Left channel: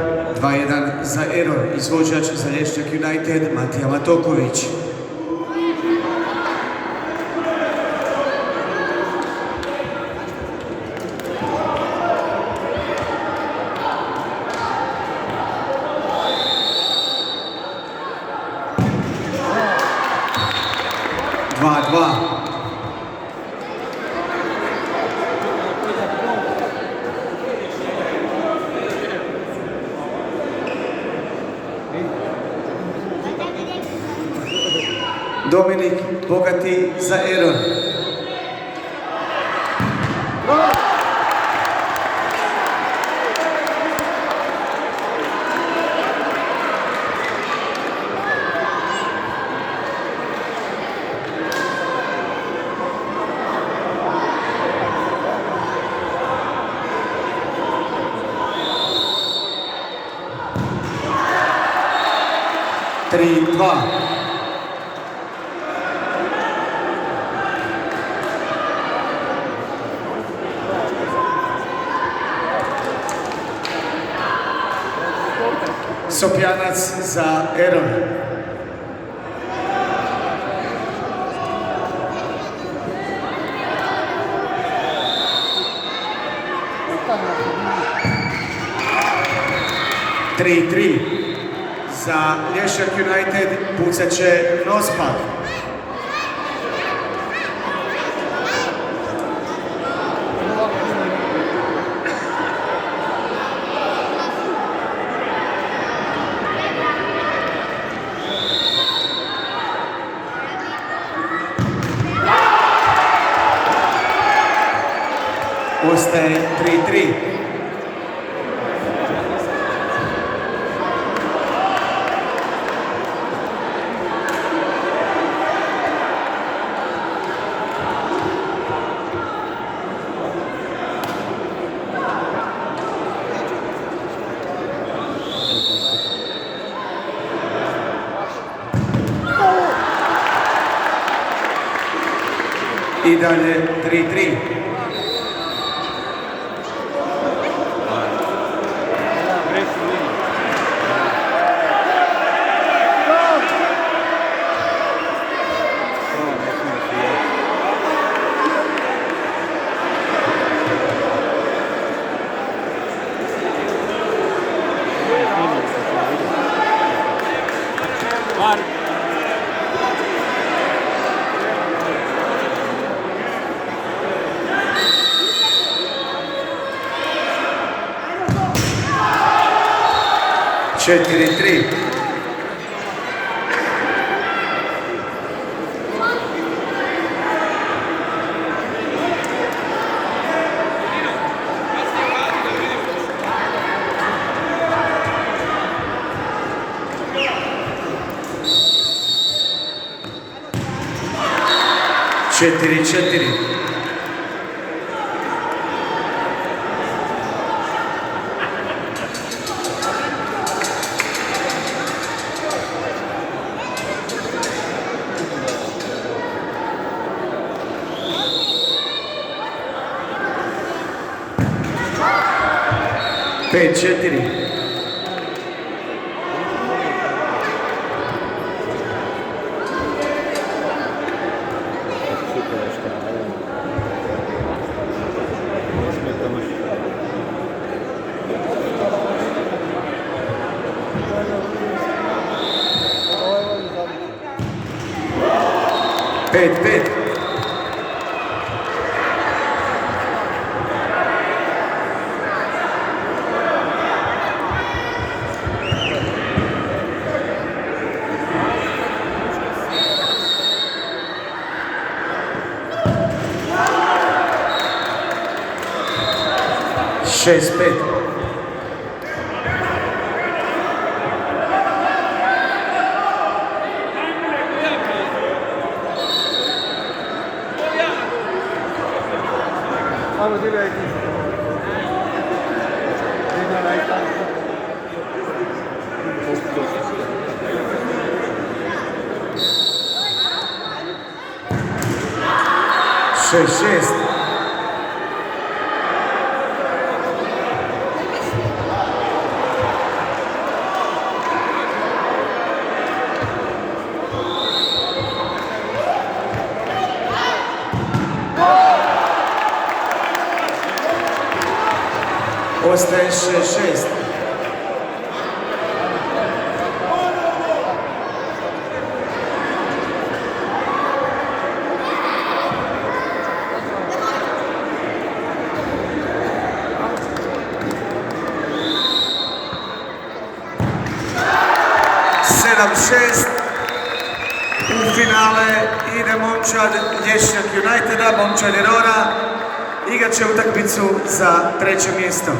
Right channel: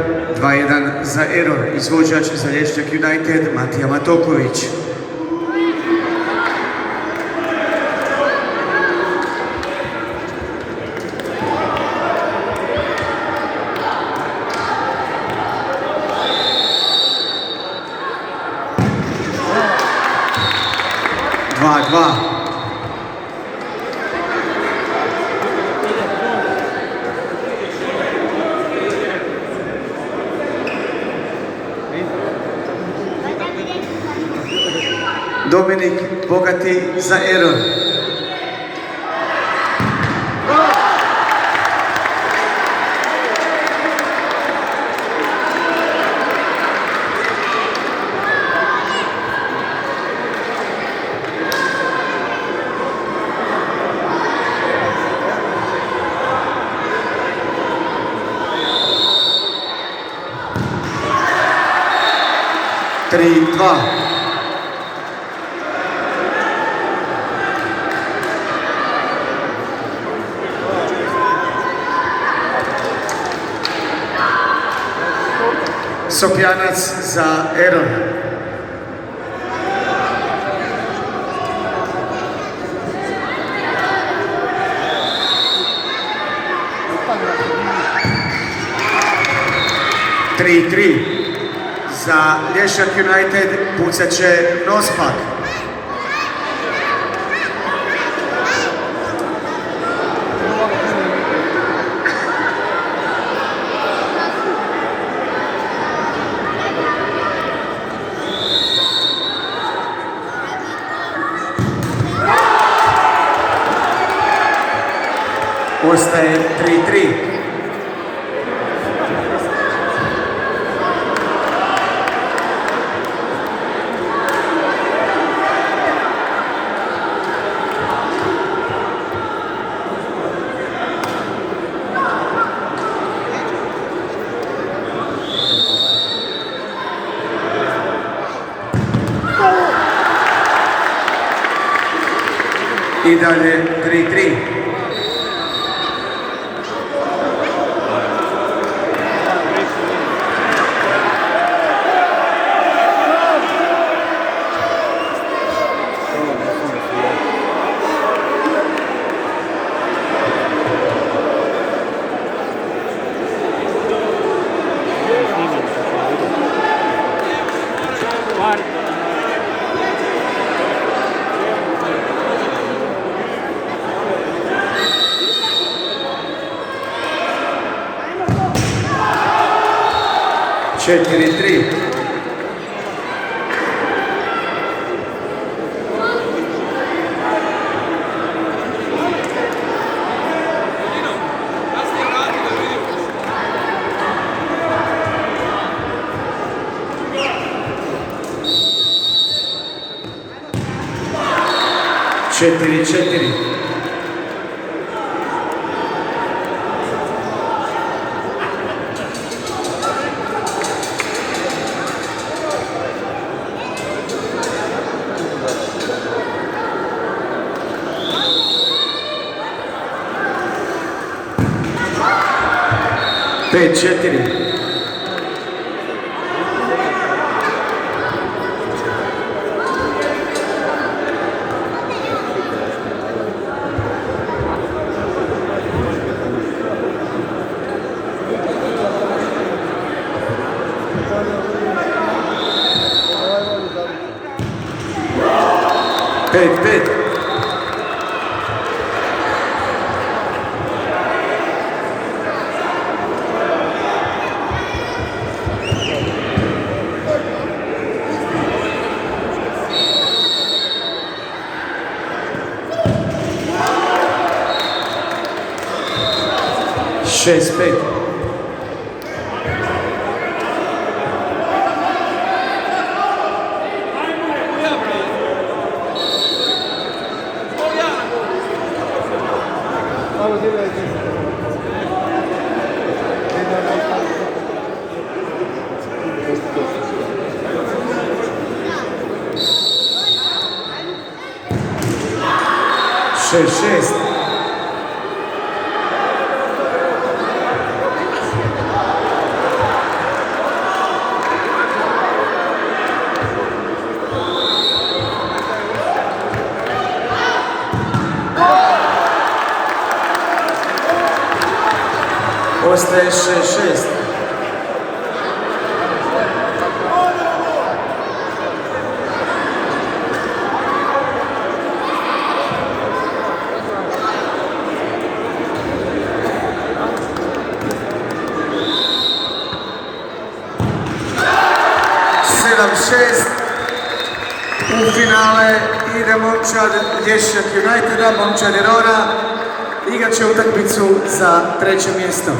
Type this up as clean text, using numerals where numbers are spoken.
2:1 za Error, izvođač za Lješnjak United Matija Matoković. Dominik Bogati za Error. Tri, dva. Sopjanac za Error. Tri za Lješnjak United pucat će Nospak. Ostaje 3-3. I dalje 3-3. Četiri, tri. Četiri, četiri. Pet, četiri. Pet, pet. Šest, pet. Šest, šest. Ostaje 6-6. U finale ide momčad Lješćak Uniteda, momčad Irora, igrat će utakmicu za treće mjesto.